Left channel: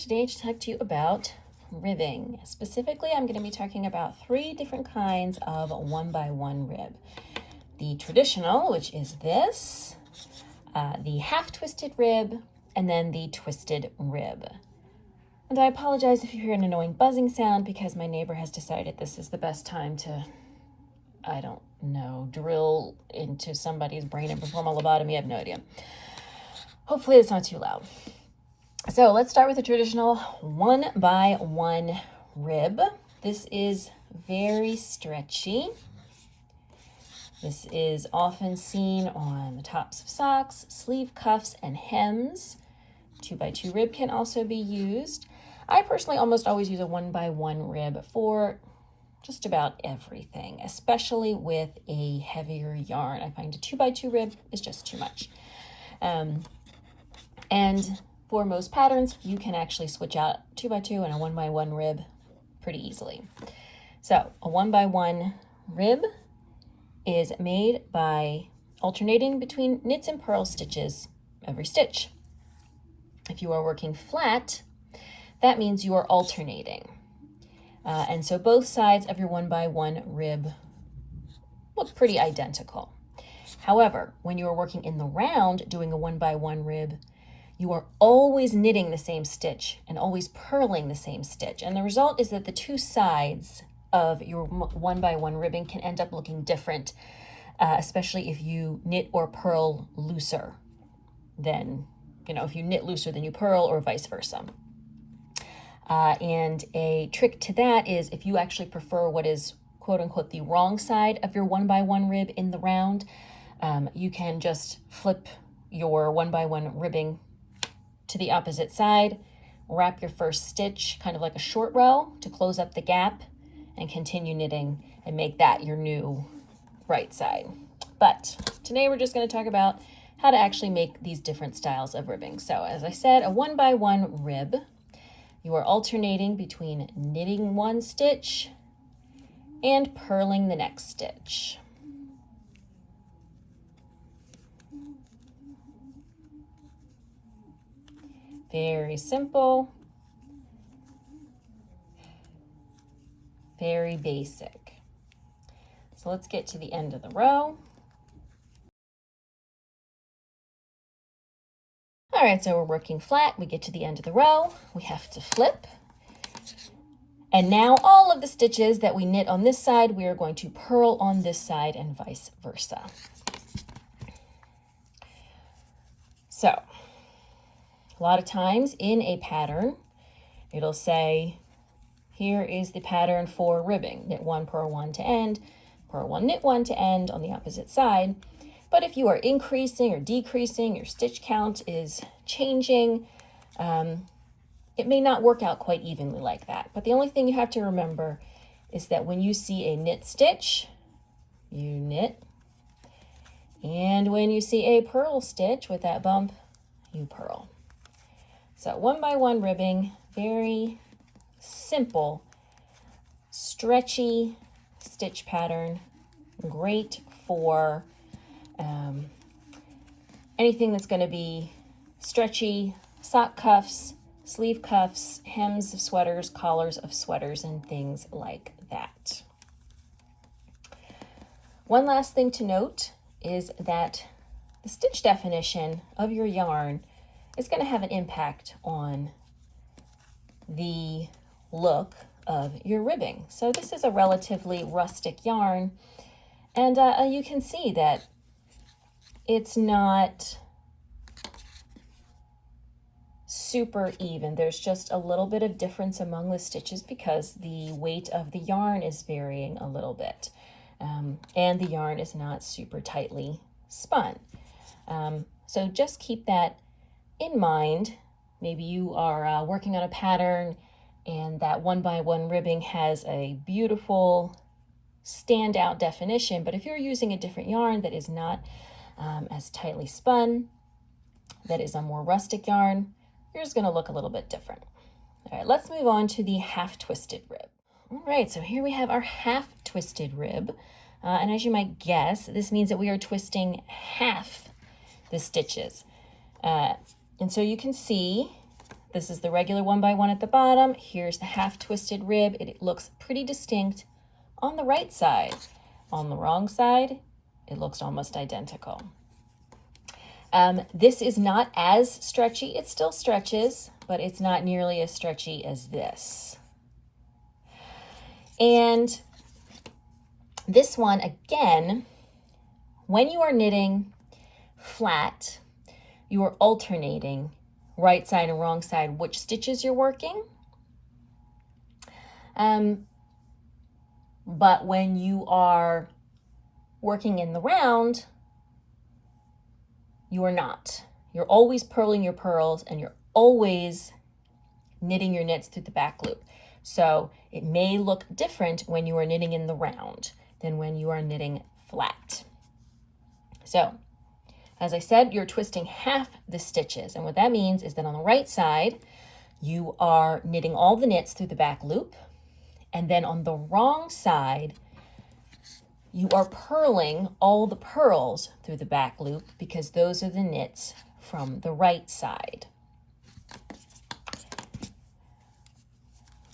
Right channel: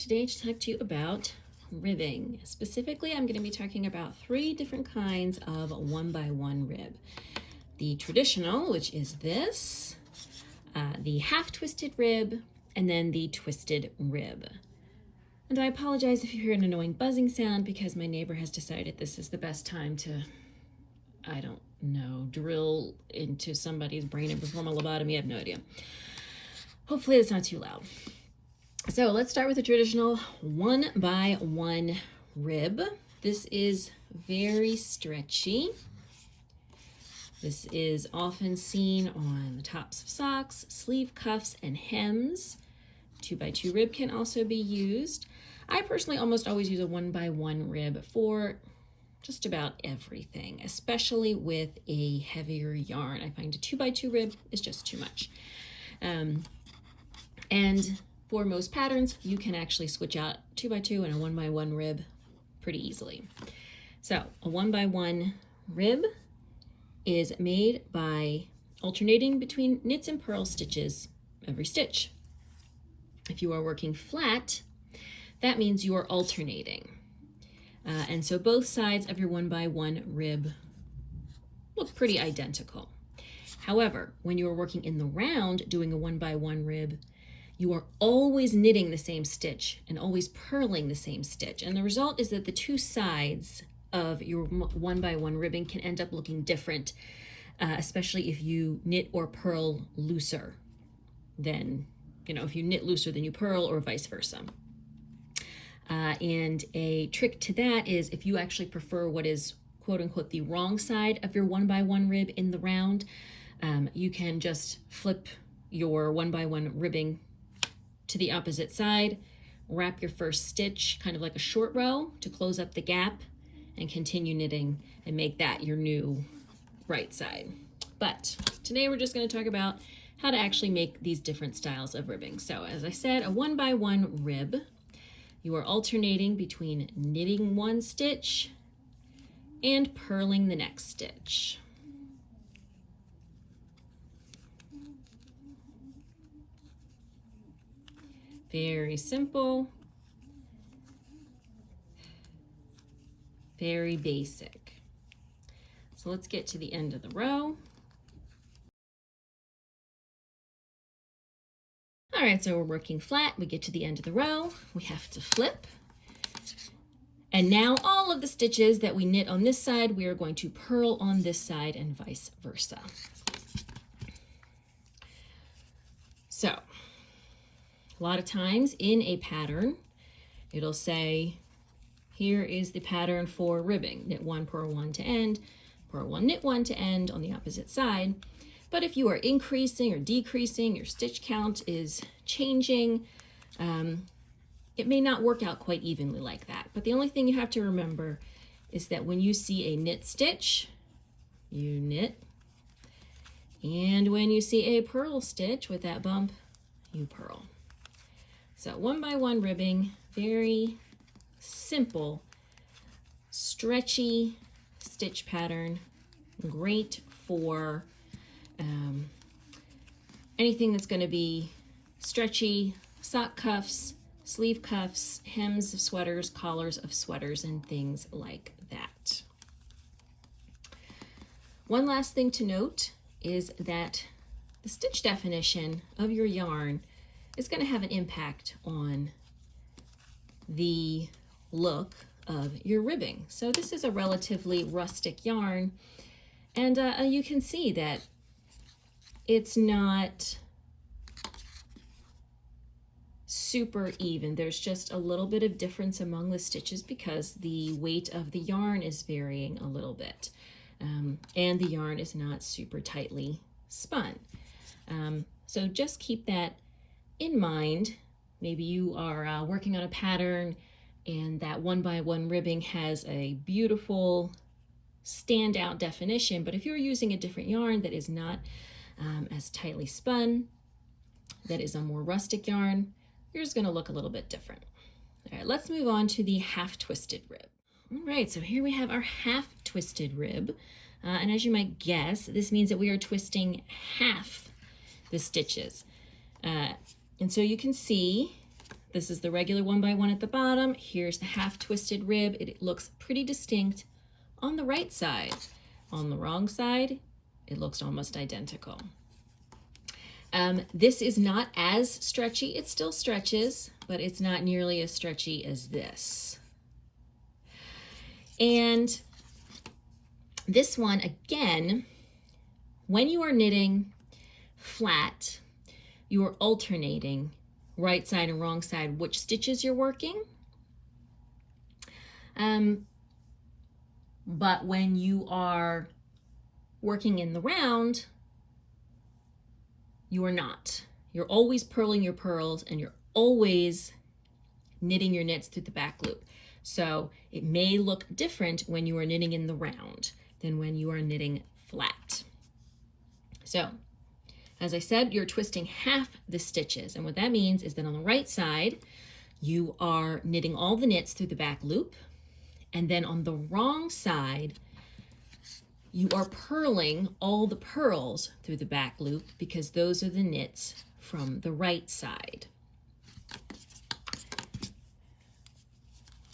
today to talk to you about ribbing. Specifically, I'm going to be talking about 3 different kinds of 1x1 rib. The traditional, which is this, the half twisted rib, and then the twisted rib. And I apologize if you hear an annoying buzzing sound because my neighbor has decided this is the best time to, I don't know, drill into somebody's brain and perform a lobotomy. I have no idea. Hopefully it's not too loud. So let's start with the traditional 1x1 rib. This is very stretchy. This is often seen on the tops of socks, sleeve cuffs, and hems. 2x2 rib can also be used. I personally almost always use a 1x1 rib for just about everything, especially with a heavier yarn. I find a 2x2 rib is just too much. And for most patterns, you can actually switch out 2x2 and a 1x1 rib pretty easily. So a 1x1 rib is made by alternating between knits and purl stitches every stitch. If you are working flat, that means you are alternating. And so both sides of your 1x1 rib look pretty identical. However, when you are working in the round doing a 1x1 rib, you are always knitting the same stitch and always purling the same stitch. And the result is that the 2 sides of your 1x1 ribbing can end up looking different, especially if you knit or purl looser than, if you knit looser than you purl or vice versa. And a trick to that is if you actually prefer what is quote unquote the wrong side of your 1x1 rib in the round, you can just flip your 1x1 ribbing to the opposite side, wrap your first stitch kind of like a short row to close up the gap, and continue knitting and make that your new right side. But today we're just going to talk about how to actually make these different styles of ribbing. So as I said, a 1x1 rib, you are alternating between knitting one stitch and purling the next stitch. Very simple, very basic. So let's get to the end of the row. All right, so we're working flat. We get to the end of the row. We have to flip. And now all of the stitches that we knit on this side, we are going to purl on this side and vice versa. So a lot of times in a pattern, it'll say, here is the pattern for ribbing. Knit 1, purl 1 to end, purl 1, knit 1 to end on the opposite side. But if you are increasing or decreasing, your stitch count is changing, it may not work out quite evenly like that. But the only thing you have to remember is that when you see a knit stitch, you knit. And when you see a purl stitch with that bump, you purl. So 1x1 ribbing, very simple, stretchy stitch pattern, great for anything that's going to be stretchy, sock cuffs, sleeve cuffs, hems of sweaters, collars of sweaters, and things like that. One last thing to note is that the stitch definition of your yarn is going to have an impact on the look of your ribbing. So this is a relatively rustic yarn, and you can see that it's not super even. There's just a little bit of difference among the stitches because the weight of the yarn is varying a little bit, and the yarn is not super tightly spun. So just keep that in mind. Maybe you are working on a pattern and that 1x1 ribbing has a beautiful standout definition, but if you're using a different yarn that is not as tightly spun, that is a more rustic yarn, yours is going to look a little bit different. All right, let's move on to the half twisted rib. All right, so here we have our half twisted rib. And as you might guess, this means that we are twisting half the stitches. And so you can see This is the regular 1x1 at the bottom. Here's the half twisted rib. It looks pretty distinct on the right side. On the wrong side, it looks almost identical. This is not as stretchy. It still stretches, but it's not nearly as stretchy as this. And this one, again, when you are knitting flat, you are alternating right side and wrong side which stitches you're working. But when you are working in the round, you are not. You're always purling your purls and you're always knitting your knits through the back loop. So it may look different when you are knitting in the round than when you are knitting flat. So, as I said, you're twisting half the stitches. And what that means is that on the right side, you are knitting all the knits through the back loop. And then on the wrong side, you are purling all the purls through the back loop because those are the knits from the right side.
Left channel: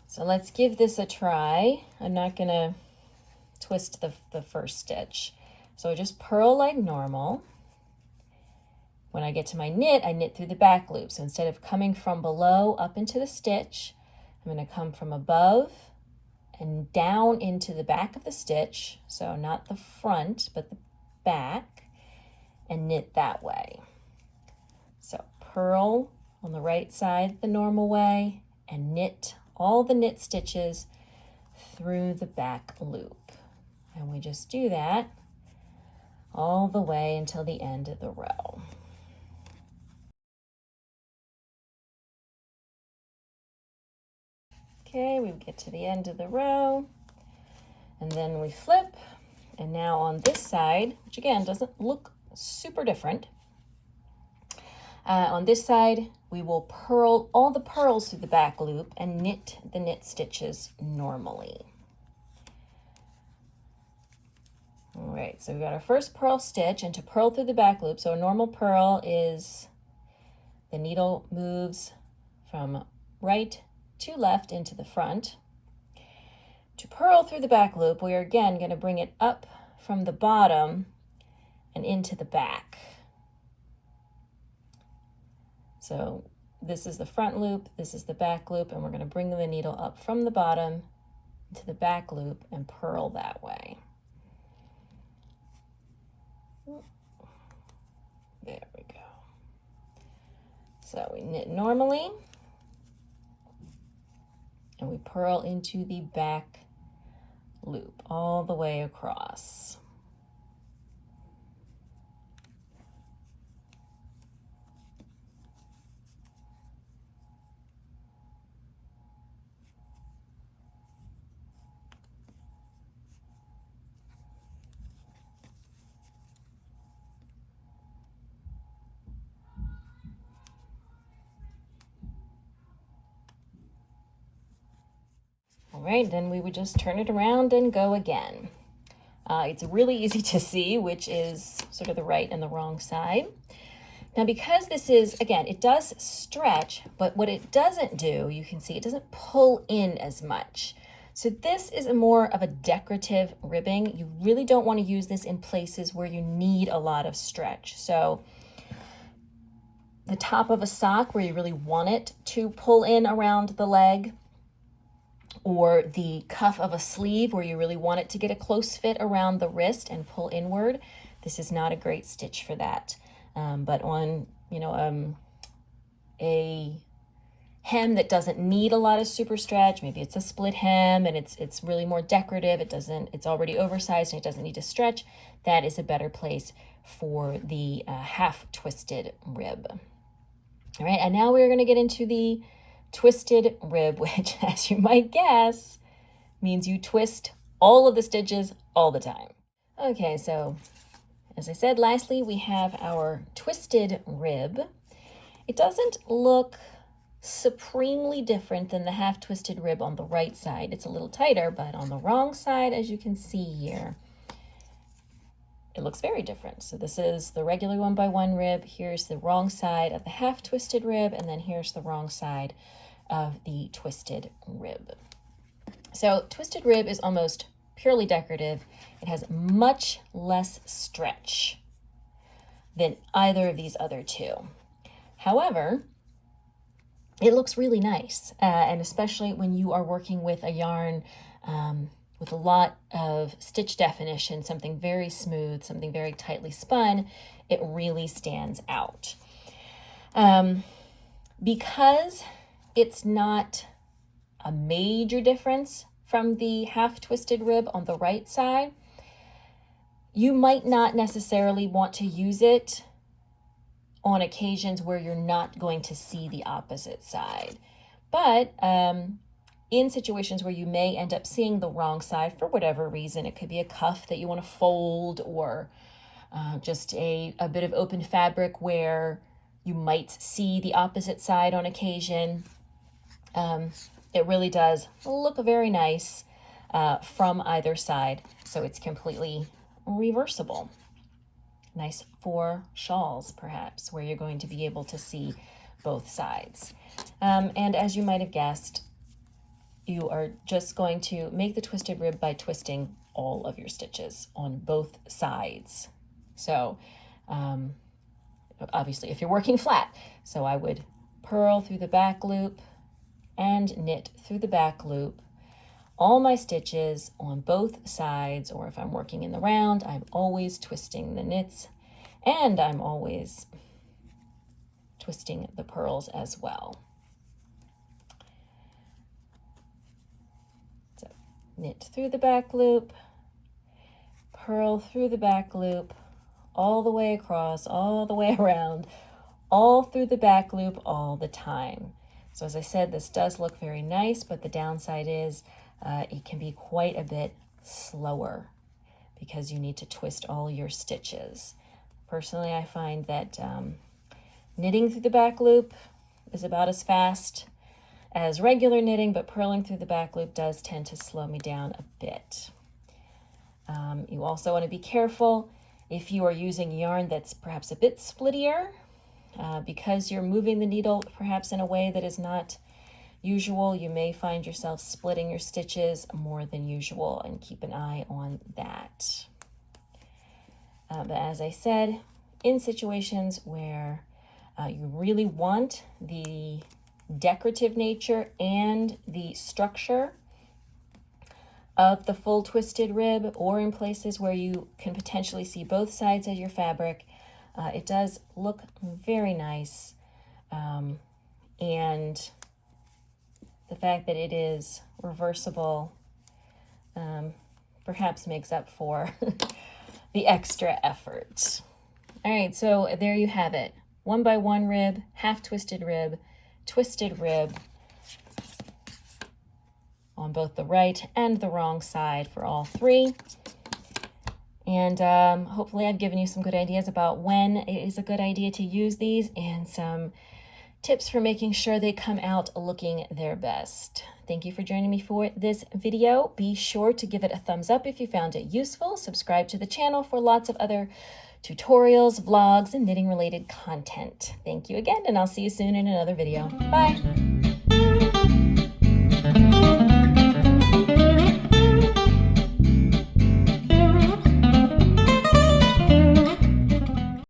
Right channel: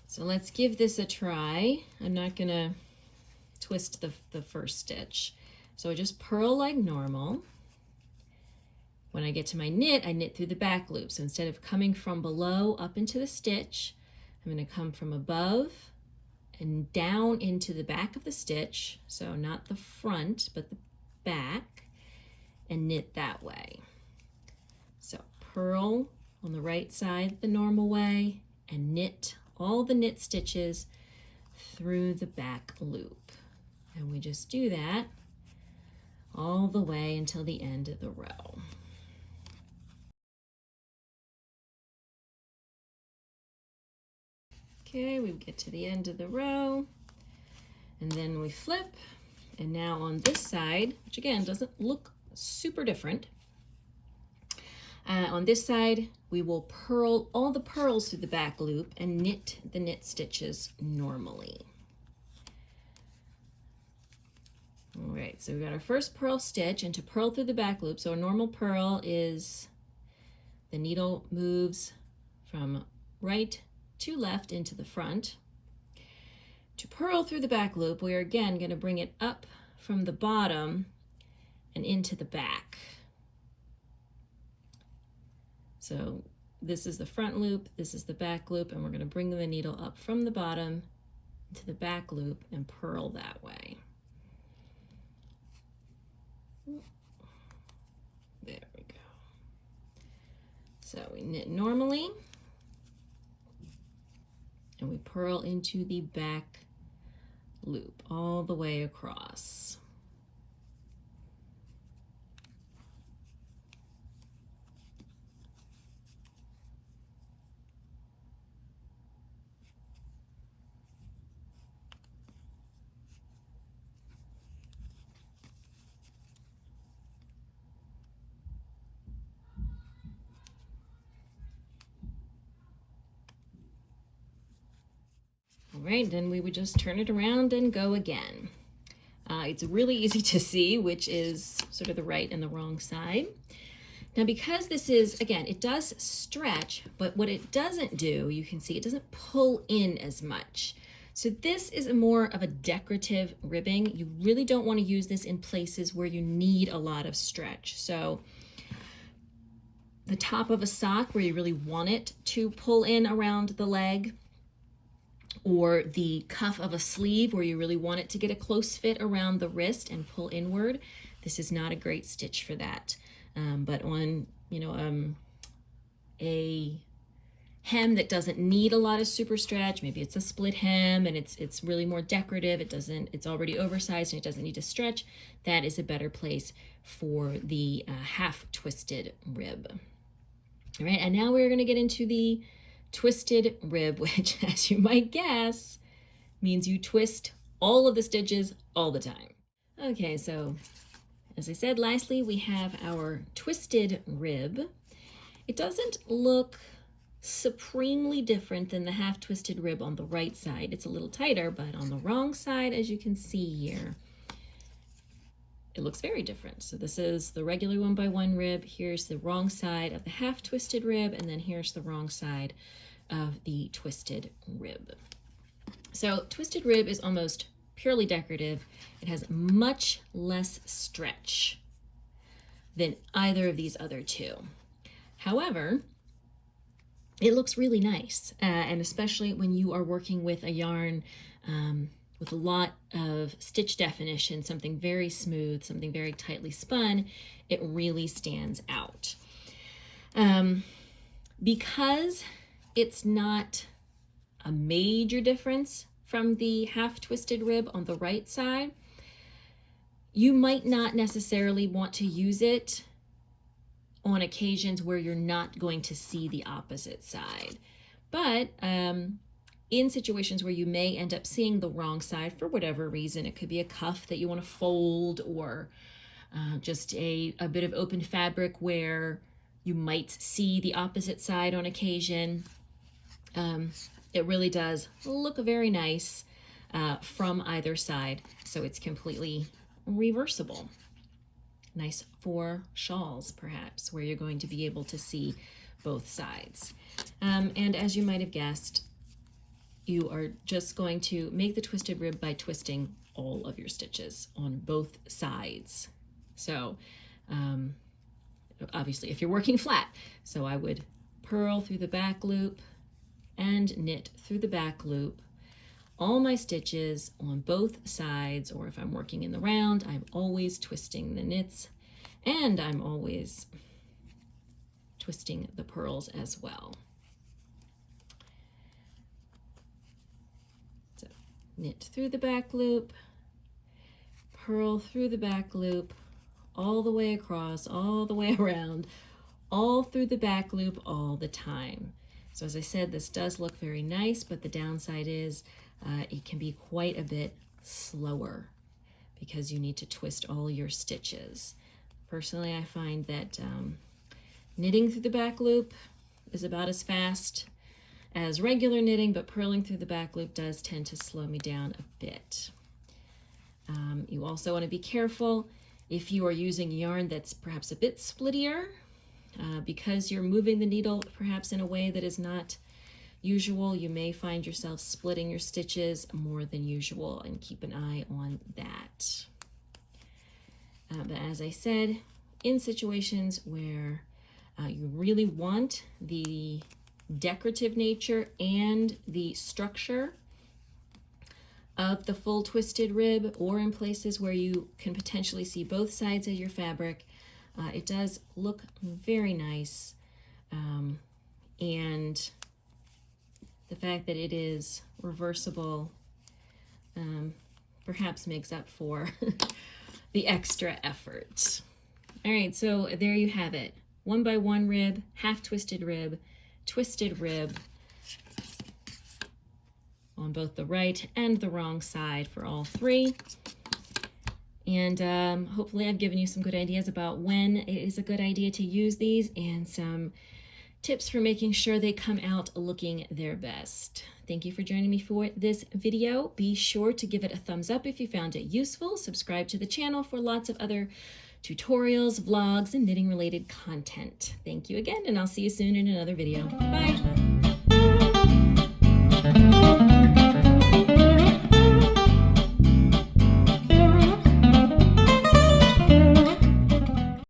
So let's give this a try. I'm not gonna twist the first stitch. So I just purl like normal. When I get to my knit, I knit through the back loop. So instead of coming from below up into the stitch, I'm gonna come from above and down into the back of the stitch, so not the front, but the back, and knit that way. So purl on the right side the normal way, and knit all the knit stitches through the back loop. And we just do that all the way until the end of the row. Okay, we get to the end of the row, and then we flip, and now on this side, which again doesn't look super different, on this side we will purl all the purls through the back loop and knit the knit stitches normally. All right, so we've got our first purl stitch, and to purl through the back loop, so a normal purl is the needle moves from right to left into the front. To purl through the back loop, we are again going to bring it up from the bottom and into the back. So this is the front loop, this is the back loop, and we're going to bring the needle up from the bottom into the back loop and purl that way. There we go. So we knit normally, and we purl into the back loop all the way across. All right, then we would just turn it around and go again. It's really easy to see which is sort of the right and the wrong side. Now, because this is, again, it does stretch, but what it doesn't do, you can see it doesn't pull in as much. So this is more of a decorative ribbing. You really don't want to use this in places where you need a lot of stretch. So the top of a sock where you really want it to pull in around the leg, or the cuff of a sleeve where you really want it to get a close fit around the wrist and pull inward, this is not a great stitch for that. But on, a hem that doesn't need a lot of super stretch, maybe it's a split hem and it's really more decorative, it's already oversized and it doesn't need to stretch, that is a better place for the half twisted rib. All right, and now we're going to get into the twisted rib, which, as you might guess, means you twist all of the stitches all the time. Okay, so as I said, lastly, we have our twisted rib. It doesn't look supremely different than the half twisted rib on the right side. It's a little tighter, but on the wrong side, as you can see here, it looks very different. So this is the regular 1x1 rib. Here's the wrong side of the half twisted rib, and then here's the wrong side of the twisted rib. So twisted rib is almost purely decorative. It has much less stretch than either of these other two. However, it looks really nice, and especially when you are working with a yarn with a lot of stitch definition, something very smooth, something very tightly spun, it really stands out. Because it's not a major difference from the half twisted rib on the right side, you might not necessarily want to use it on occasions where you're not going to see the opposite side. But in situations where you may end up seeing the wrong side for whatever reason, it could be a cuff that you want to fold, or just a bit of open fabric where you might see the opposite side on occasion. It really does look very nice from either side, so it's completely reversible. Nice for shawls, perhaps, where you're going to be able to see both sides. And as you might have guessed, you are just going to make the twisted rib by twisting all of your stitches on both sides. So obviously if you're working flat, so I would purl through the back loop and knit through the back loop all my stitches on both sides, or if I'm working in the round, I'm always twisting the knits, and I'm always twisting the purls as well. So knit through the back loop, purl through the back loop, all the way across, all the way around, all through the back loop all the time. So as I said, this does look very nice, but the downside is it can be quite a bit slower because you need to twist all your stitches. Personally, I find that knitting through the back loop is about as fast as regular knitting, but purling through the back loop does tend to slow me down a bit. You also want to be careful if you are using yarn that's perhaps a bit splittier, because you're moving the needle perhaps in a way that is not usual. You may find yourself splitting your stitches more than usual, and keep an eye on that. But as I said, in situations where you really want the decorative nature and the structure of the full twisted rib, or in places where you can potentially see both sides of your fabric, it does look very nice. And the fact that it is reversible perhaps makes up for the extra effort. All right, so there you have it. 1x1 rib, half twisted rib, twisted rib on both the right and the wrong side for all three. And hopefully I've given you some good ideas about when it is a good idea to use these, and some tips for making sure they come out looking their best. Thank you for joining me for this video. Be sure to give it a thumbs up if you found it useful. Subscribe to the channel for lots of other tutorials, vlogs, and knitting related content. Thank you again, and I'll see you soon in another video. Bye.